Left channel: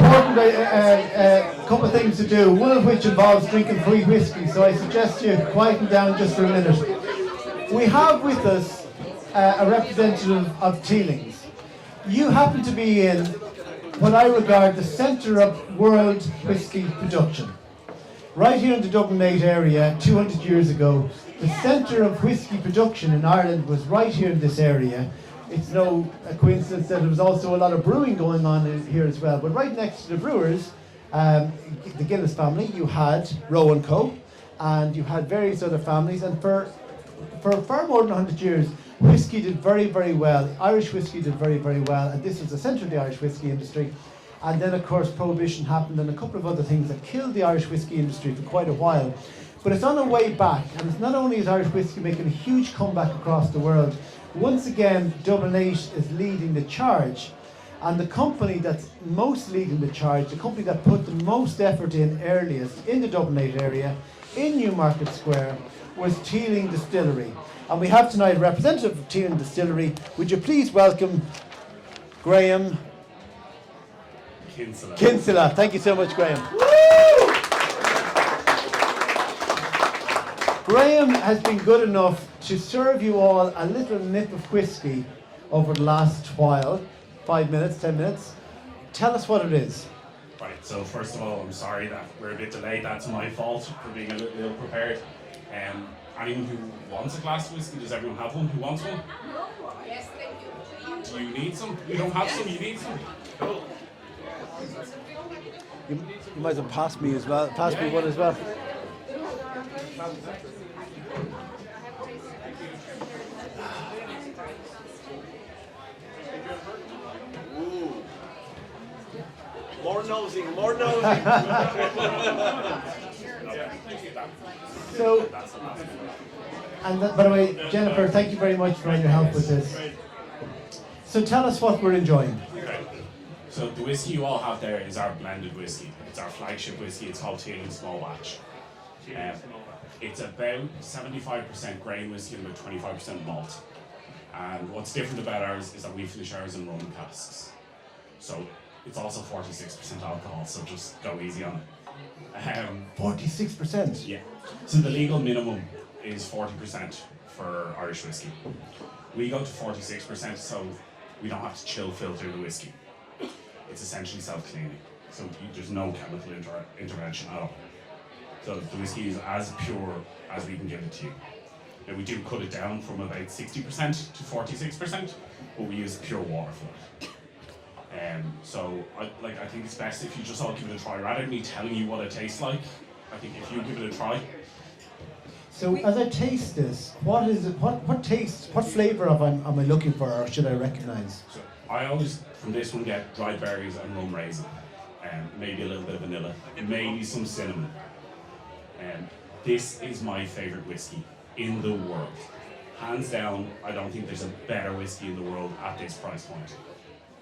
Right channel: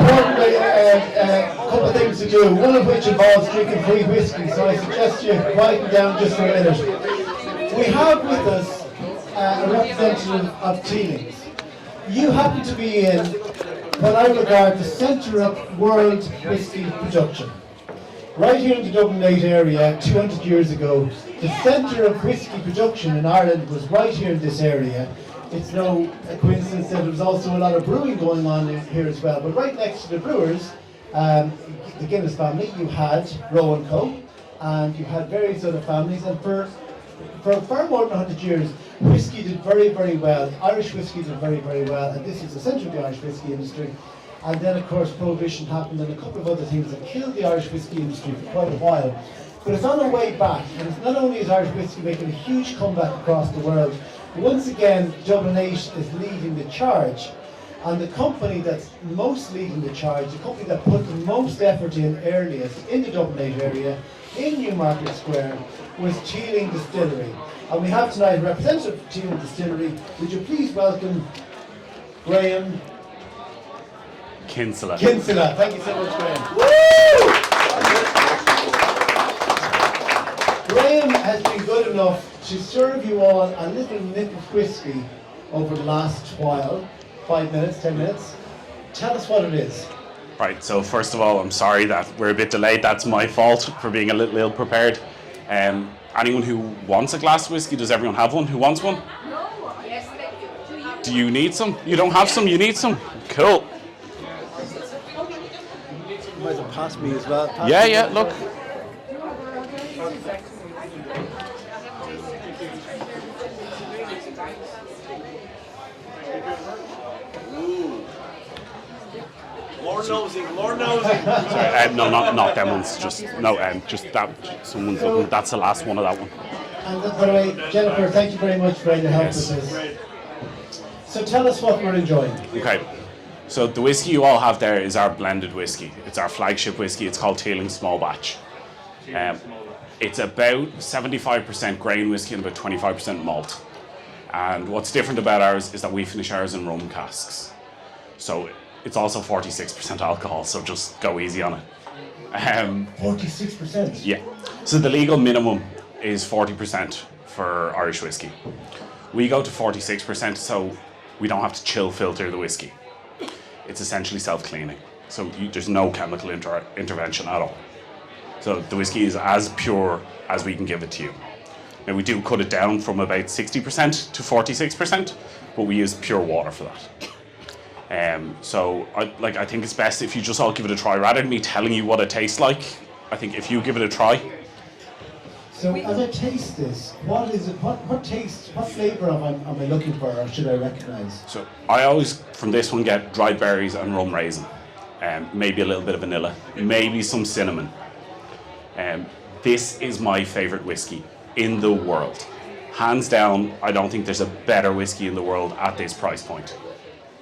important couple of things to do, one of which involves drinking free whiskey, so I suggest you quieten down just for a minute. We have with us a representative of Teeling's. You happen to be in what I regard the centre of world whiskey production. Right here in the Dublin 8 area, 200 years ago, the centre of whiskey production in Ireland was right here in this area. It's no coincidence that there was also a lot of brewing going on here as well. But right next to the brewers, the Guinness family, you had Roe & Co. and you had various other families. And for far more than 100 years, whiskey did very, very well. Irish whiskey did very, very well. And this is the centre of the Irish whiskey industry. And then, of course, Prohibition happened and a couple of other things that killed the Irish whiskey industry for quite a while. But it's on the way back. And it's not only is Irish whiskey making a huge comeback across the world, once again, Dublin 8 is leading the charge. And the company that's most leading the charge, the company that put the most effort in earliest in the Dublin 8 area, in Newmarket Square, was Teeling Distillery. And we have tonight a representative of Teeling Distillery. Would you please welcome Graham Kinsella. Kinsella. Thank you so much, Graham. Woo! Graham has been good enough to serve you all a little nip of whiskey over the last while. 5 minutes, 10 minutes. Tell us what it is. Right, so first of all, I'm sorry that we're a bit delayed. That's my fault for being a little ill prepared. Anyone who wants a glass of whiskey, does everyone have one? Who wants one? Yes, thank you. Do you need some? You don't have some, you need some? Cool. You might as well pass me as well. Yeah, look. More nosy. No, not them ones. Just that. Someone's looking. That's the last one of that one. And by the way, Jennifer, thank you very much for your help with this. So tell us what we're enjoying. Okay. So the whiskey you all have there is our blended whiskey. It's our flagship whiskey. It's called Teeling Small Batch. It's about 75% grain whiskey and about 25% malt. And what's different about ours is that we finish ours in rum casks. So it's also 46% alcohol, so just go easy on it. 46%? Yeah. So the legal minimum is 40% for Irish whiskey. We go to 46%, so we don't have to chill filter the whiskey. It's essentially self-cleaning. So there's no chemical intervention at all. So the whiskey is as pure as we can give it to you. Now we do cut it down from about 60% to 46%, but we use pure water for that. So I think it's best if you just all give it a try. Rather than me telling you what it tastes like, I think if you give it a try. So as I taste this, what is it? What taste? What flavour am I looking for, or should I recognise? So I always, from this one, get dried berries and rum raisin. Maybe a little bit of vanilla, maybe some cinnamon. This is my favourite whiskey in the world. Hands down, I don't think there's a better whiskey in the world at this price point.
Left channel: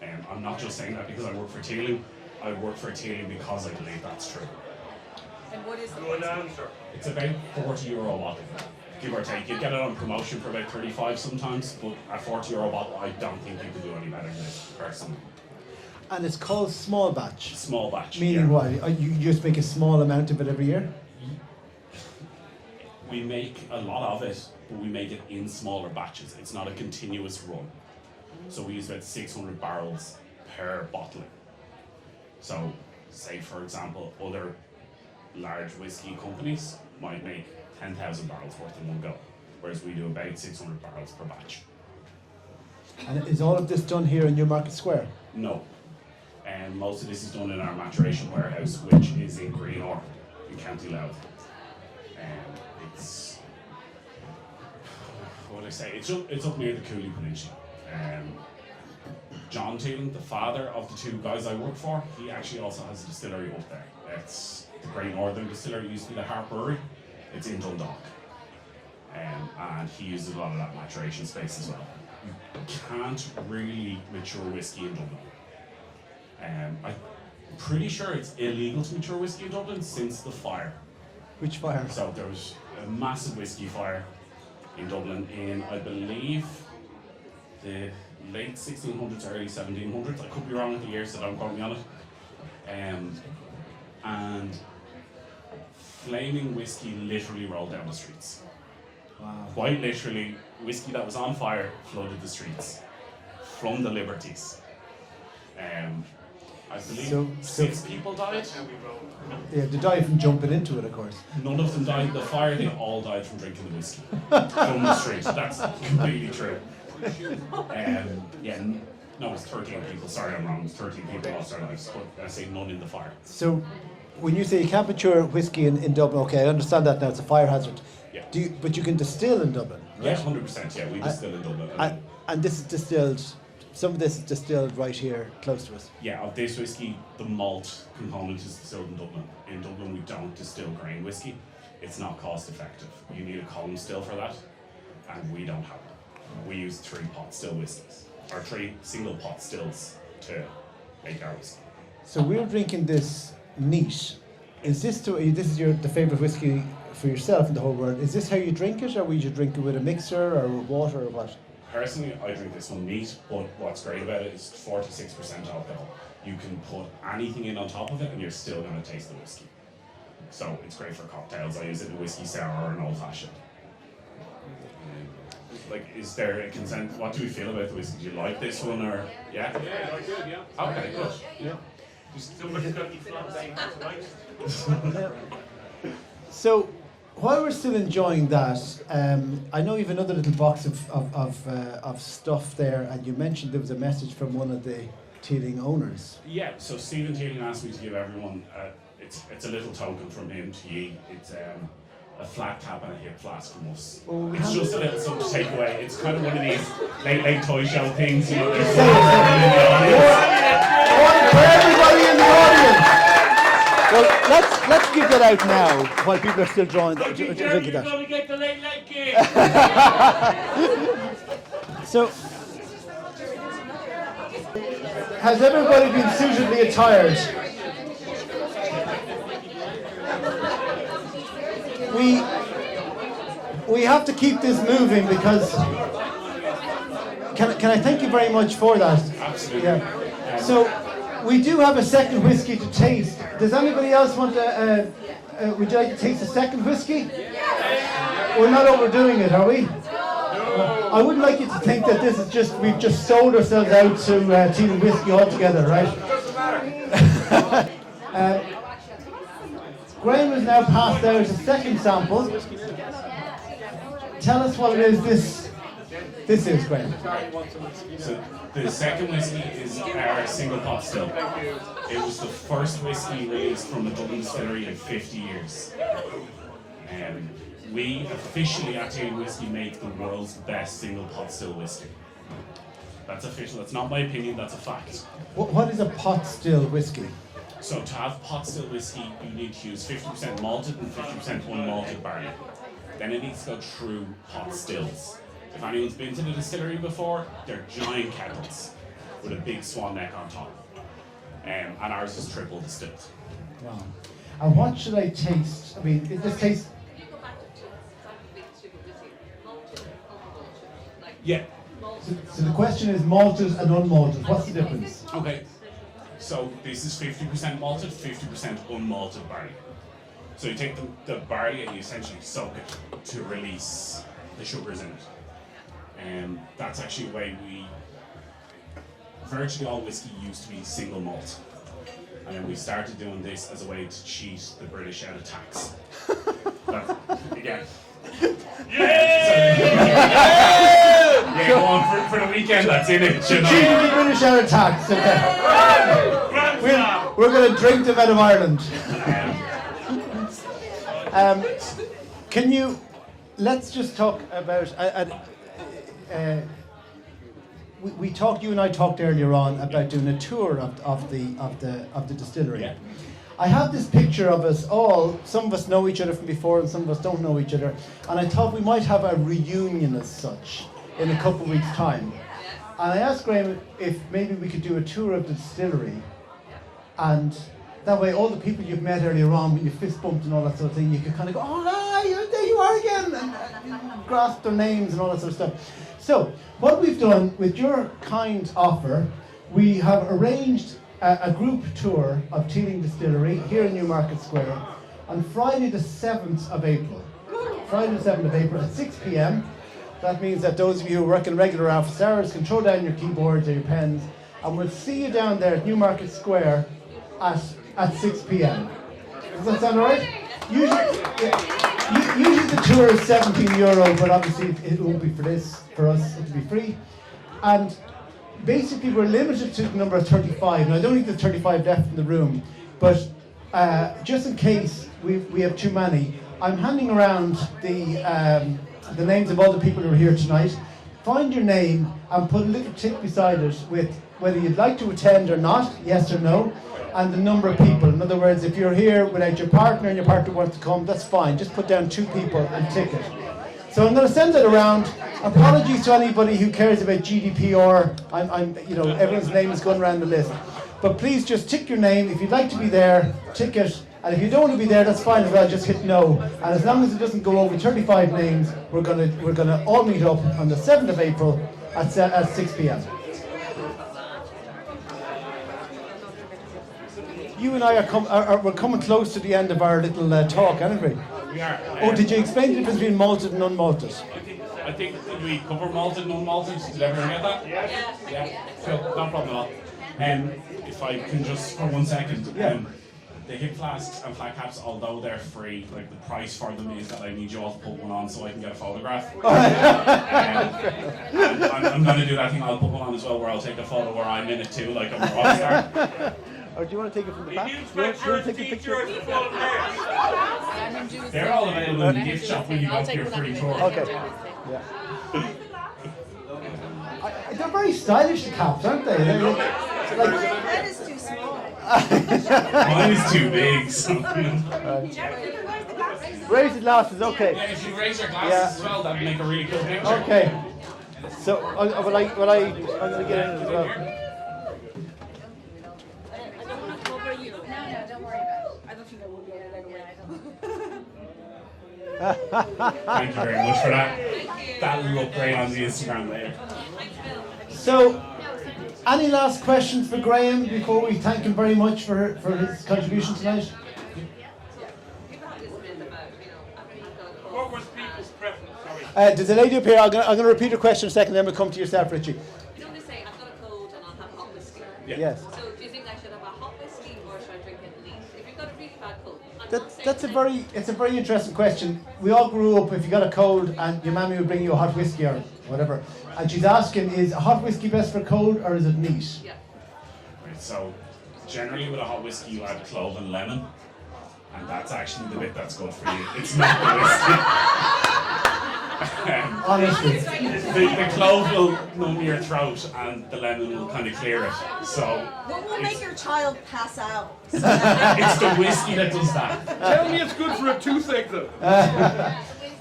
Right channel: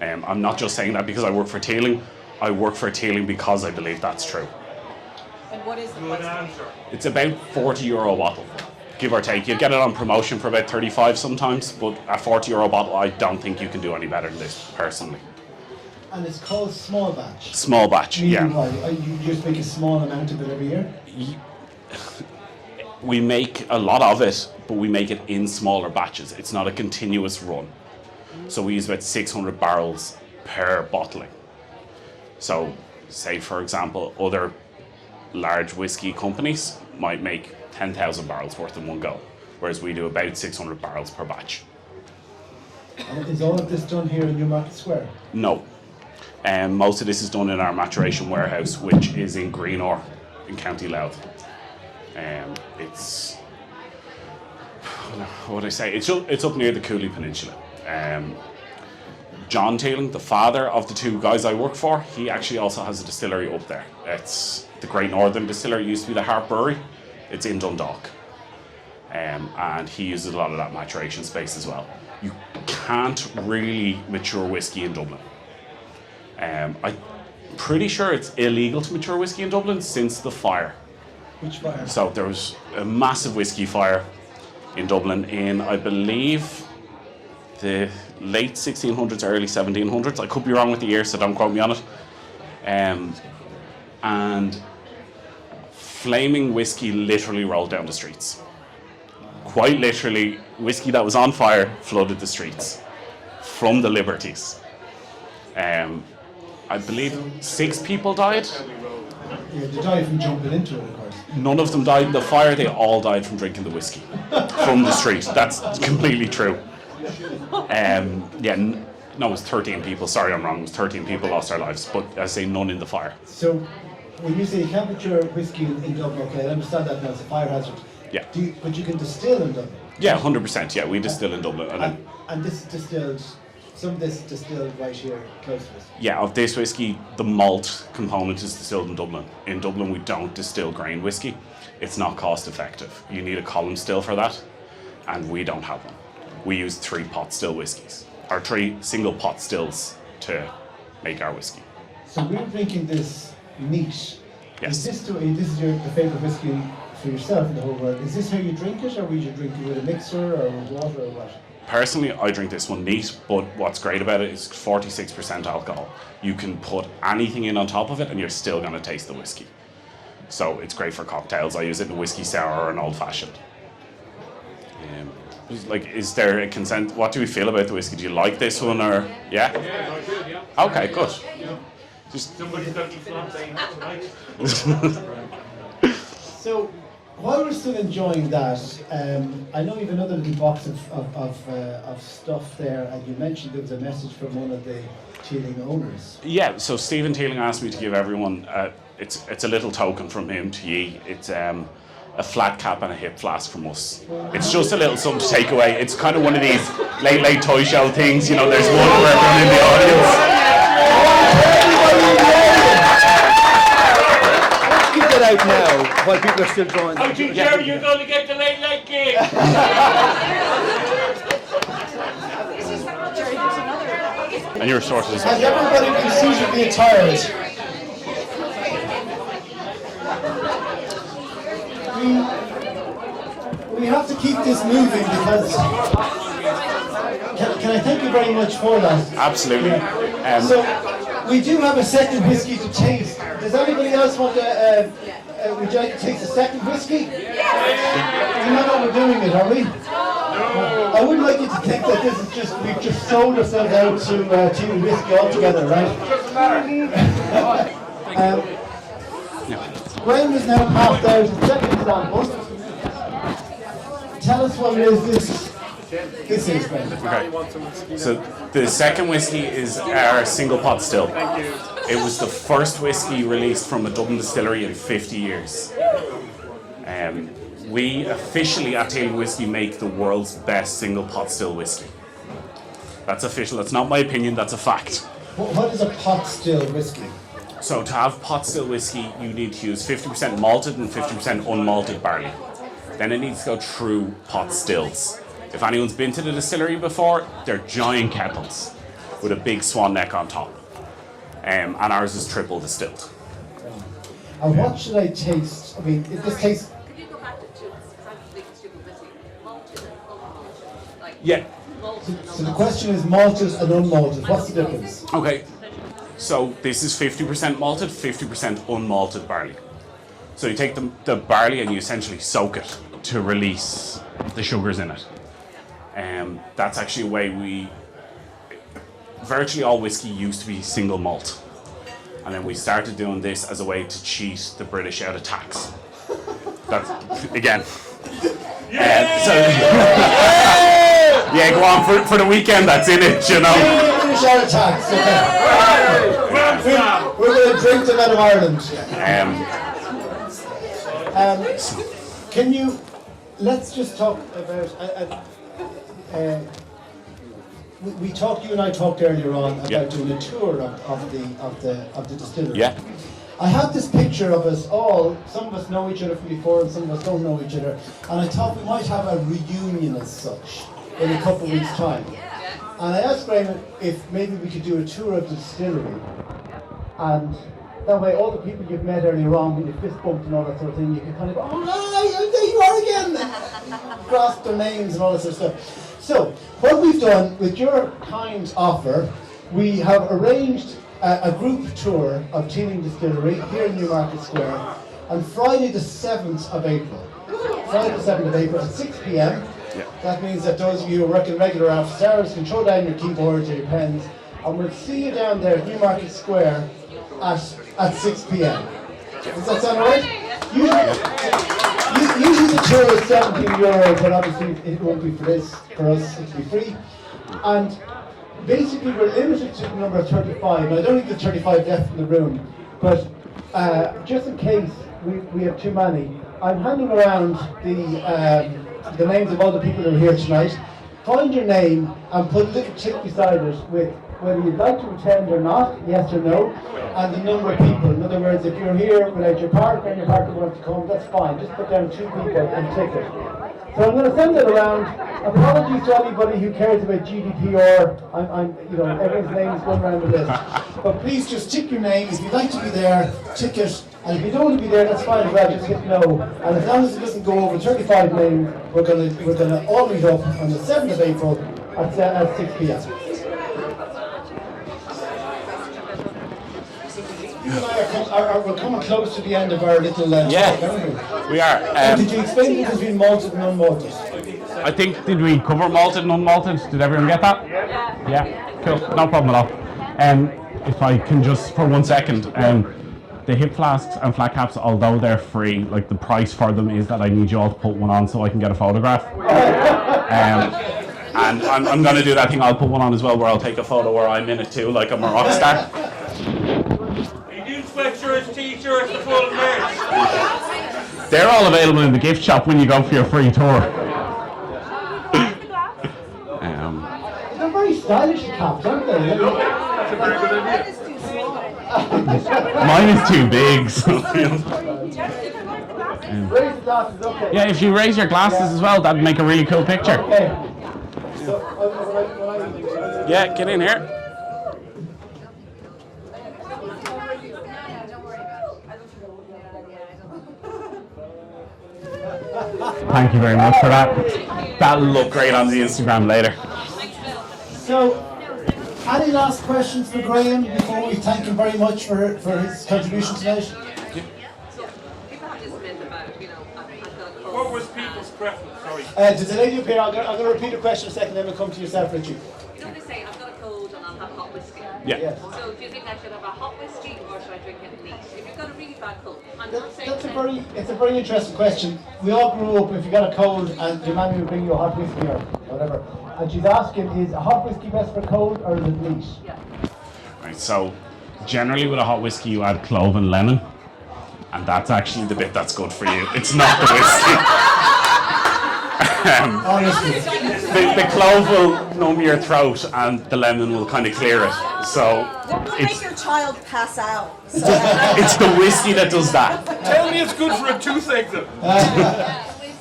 I'm not just saying that because I work for Teeling. I work for Teeling because I believe that's true. And what is the price? It's about €40 a bottle, give or take. You get it on promotion for about 35 sometimes, but at €40 a bottle, I don't think you can do any better than this, personally. And it's called small batch. Small batch, Meaning yeah. why? You just make a small amount of it every year? We make a lot of it, but we make it in smaller batches. It's not a continuous run. So we use about 600 barrels per bottling. So say, for example, other large whiskey companies might make 10,000 barrels worth in one go, whereas we do about 600 barrels per batch. And is all of this done here in Newmarket Square? No. Most of this is done in our maturation warehouse, which is in Greenore in County Louth. It's, what would I say? It's up near the Cooley Peninsula. John Teeling, the father of the two guys I work for, he actually also has a distillery up there. It's the Great Northern Distillery, used to be the Harp Brewery. It's in Dundalk. And he uses a lot of that maturation space as well. You can't really mature whiskey in Dublin. I'm pretty sure it's illegal to mature whiskey in Dublin since the fire. Which fire? So there was a massive whiskey fire in Dublin in, I believe, the late 1600s, early 1700s. I could be wrong with the year, so don't quote me on it. And flaming whiskey literally rolled down the streets. Quite literally, whiskey that was on fire flooded the streets from the Liberties. I believe 6 people died. Yeah, they died from jumping into it, of course. None of them died in the fire, they all died from drinking the whiskey from the street. That's completely true. No, it was 13 people. Sorry, I'm wrong. It was 13 people lost their lives, but I say none in the fire. So, when you say you can't mature whiskey in Dublin, okay, I understand that now, it's a fire hazard. Yeah. But you can distill in Dublin? Yeah, 100%. Yeah, we distill in Dublin. And this is distilled, some of this is distilled right here close to us? Yeah, of this whiskey, the malt component is distilled in Dublin. In Dublin, we don't distill grain whiskey. It's not cost effective. You need a column still for that, and we don't have one. We use 3 pot still whiskies, or 3 single pot stills to make our whiskey. So we're drinking this neat. Yes. This is the favourite whiskey for yourself in the whole world. Is this how you drink it, or would you drink it with a mixer or with water or what? Personally, I drink this one neat, but what's great about it is 46% alcohol. You can put anything in on top of it and you're still going to taste the whiskey. So it's great for cocktails. I use it in a whiskey sour or an old fashioned. Is there a consent? What do we feel about the whiskey? Do you like this one or yeah? Yeah, I do, yeah. Okay, good. Yeah. Just Somebody's got to keep on saying that's right. So while we're still enjoying that, I know you have another little box of stuff there, and you mentioned there was a message from one of the Teeling owners. Yeah, so Stephen Teeling asked me to give everyone, it's a little token from him to ye. It's a flat cap and a hip flask from us. It's just a little something to take away. It's kind of one of these late toy show things, you know, there's one for everyone in the audience. Let's give that out now while people are still drawing. How do you care you're going to get the late gig? So, And your source is... has everybody been suitably attired? We have to keep this moving because... Can I thank you very much for that? Absolutely. Yeah. So, we do have a second whiskey to taste. Does anybody else want to... would you like to taste a second whiskey? We're not overdoing it, are we? I would like you to think that this is just, we've just sold ourselves out to Teeling Whiskey altogether, right? Graham has now passed out a second sample. Tell us what it is this is, Graham. Okay. So the second whiskey is our single pot still. It was the first whiskey released from a Dublin distillery in 50 years. We officially at Teeling Whiskey make the world's best single pot still whiskey. That's official. That's not my opinion. That's a fact. What is a pot still whiskey? So to have pot still whiskey, you need to use 50% malted and 50% unmalted barley. Then it needs to go through pot stills. If anyone's been to the distillery before, they're giant kettles with a big swan neck on top. And ours is triple distilled. And what should I taste? I mean, this tastes... Could you go back to malted, like Yeah. So the question is malted and unmalted. What's the difference? Okay. So this is 50% malted, 50% unmalted barley. So you take the barley and you essentially soak it to release the sugars in it. That's actually a way virtually all whiskey used to be single malt. And then we started doing this as a way to cheat the British out of tax. That's, again. Yeah, go on, for the weekend that's in it, you know. British out of tax, okay. We're going to drink them out of Ireland. Can you, let's just talk about, you and I talked earlier on about doing a tour of the distillery. Yeah. I have this picture of us all, some of us know each other from before and some of us don't know each other, and I thought we might have a reunion as such in a couple of weeks' time. And I asked Graham if maybe we could do a tour of the distillery, and that way all the people you've met earlier on, when you fist bumped and all that sort of thing, you could kind of go, oh, hi, there you are again, grasp their names and all that sort of stuff. So, what we've done, with your kind offer, we have arranged a group tour of Teeling Distillery here in Newmarket Square on Friday the 7th of April. Friday the 7th of April at 6 p.m. That means that those of you who work in regular office hours can throw down your keyboards and your pens, and we'll see you down there at Newmarket Square at 6 p.m. Does that sound right? Usually the tour is €17, but obviously it won't be for us, it'll be free. And basically we're limited to the number of 35. Now I don't think there's 35 left in the room, but just in case we have too many, I'm handing around the names of all the people who are here tonight. Find your name and put a little tick beside it with whether you'd like to attend or not, yes or no, and the number of people. In other words, if you're here without your partner and your partner wants to come, that's fine. Just put down 2 people and tick it. So I'm going to send that around. Apologies to anybody who cares about GDPR. Everyone's name is going around the list. But please just tick your name. If you'd like to be there, tick it. And if you don't want to be there, that's fine as well. Just hit no. And as long as it doesn't go over 35 names, we're gonna all meet up on the 7th of April at 6 p.m. You and I we're coming close to the end of our little talk, aren't we? We are. Did you explain the difference between malted and unmalted? I think, did we cover malted and unmalted? Did everyone get that? Yeah. Cool. No problem at all. If I can just for 1 second, the hip flasks and flat caps, although they're free, like the price for them is that I need you all to put one on so I can get a photograph. And I'm going to do that thing. I'll put one on as well, where I'll take a photo where I'm in it too, like I'm a rock star. New sweatshirts, t-shirts, full merch. They're all available in the gift shop when you go for your free tour. They're very stylish caps, aren't they? Mine is too big, so Raise the glasses, okay. yeah, if you raise your glasses as well, that'd make a really cool picture. Okay. So, will I Yeah, get in here. Thank you very much for that. That'll look great on the Instagram later. So, any last questions for Graham before we thank him very much for his contribution tonight? People have this myth about, What was people's preference? Sorry. There's a lady up here. I'm going to repeat the question a second, then we'll come to yourself, Richie. Don't they say, I've got a cold and I'll have hot whiskey? Yeah. Yes. So do you think I should have a hot whiskey or should I drink it neat? If you've got a really bad cold, I'm not saying It's a very interesting question. We all grew up, if you got a cold and your mammy would bring you a hot whiskey or whatever, and she's asking, is a hot whiskey best for cold or is it neat? Yeah. Right, so generally with a hot whiskey you add clove and lemon, and that's actually the bit that's good for you. It's not the whiskey. Honestly. The clove will numb your throat and the lemon will kind of clear it. So Don't make your child pass out. it's the whiskey that does that. Tell me it's good for a toothache then.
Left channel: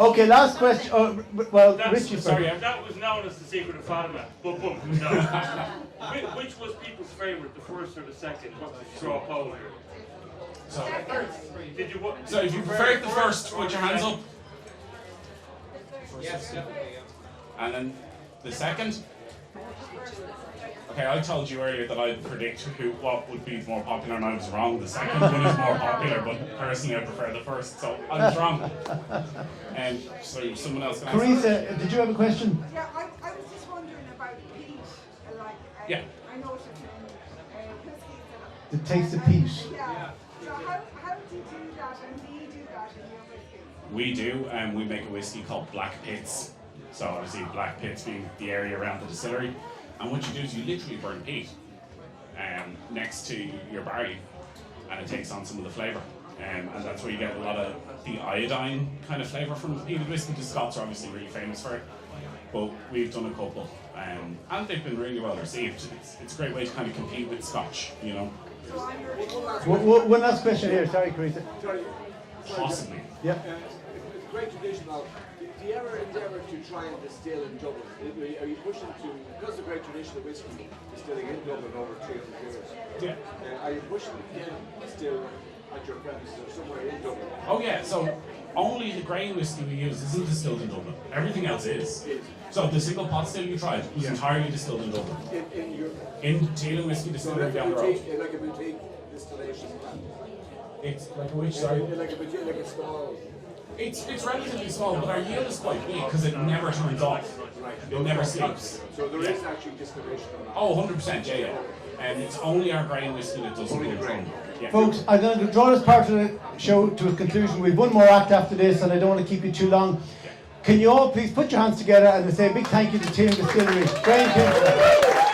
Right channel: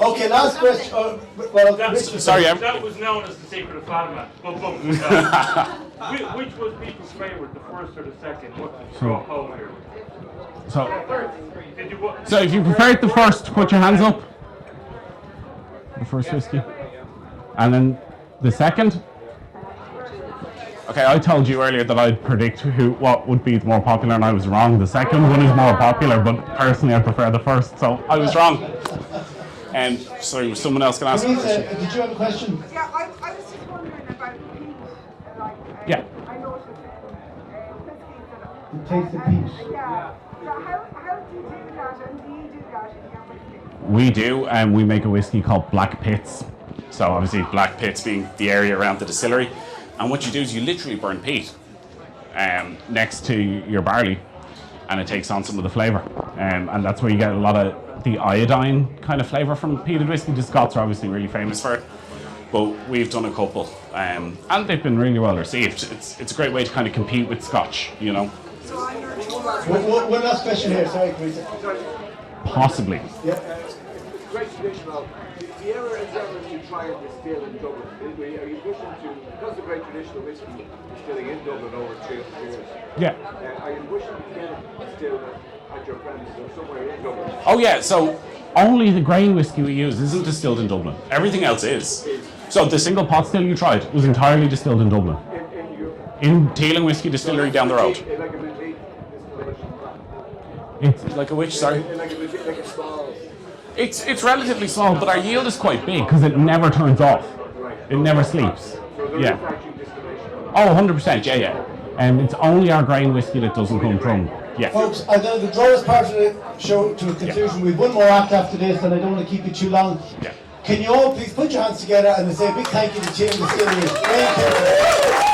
Okay, last question. Richie. Sorry, That was known as the secret of Fatima. Which was people's favourite, the first or the second? What's the straw poll here? So if you prefer it the first, put your hands up. The first whiskey. And then the second. Okay, I told you earlier that I'd predict what would be more popular, and I was wrong. The second one is more popular, but personally I prefer the first, so I was wrong. And sorry, someone else can ask. Teresa, did you have a question? Yeah, I was just wondering about peat. Yeah. I noticed whiskies The taste of peat. yeah. So how do you do that, and do you do that in your whiskey? We do, and we make a whiskey called Black Pits. So obviously Black Pits being the area around the distillery. And what you do is you literally burn peat next to your barley, and it takes on some of the flavour. And that's where you get a lot of the iodine kind of flavour from peated whiskey. The Scots are obviously really famous for it. But we've done a couple, and they've been really well received. It's a great way to kind of compete with Scotch, you know. One last question here. Sorry, Teresa. Possibly. Yep. Great tradition of, do you ever endeavour to try and distill in Dublin? Are you pushing to, because the great tradition of whiskey distilling in Dublin over 300 years, Yeah. are you pushing to distill at your premises or somewhere in Dublin? Oh yeah, so only the grain whiskey we use isn't distilled in Dublin. Everything else is. So the single pot still you tried was entirely distilled in Dublin. In Teeling Whiskey Distillery down the road. Like a boutique distillation. It's like a which, sorry? Like a boutique, like a stall. It's relatively small, but our yield is quite big because it never turns off. It never sleeps. So there Yeah. is actually distillation. Oh, 100%, yeah. And it's only our grain whiskey that doesn't come from. Yeah. Folks, I'm going to draw this part of the show to a conclusion. We've one more act after this, and I don't want to keep you too long. Yeah. Can you all please put your hands together and say a big thank you to Teeling Distillery. It's great.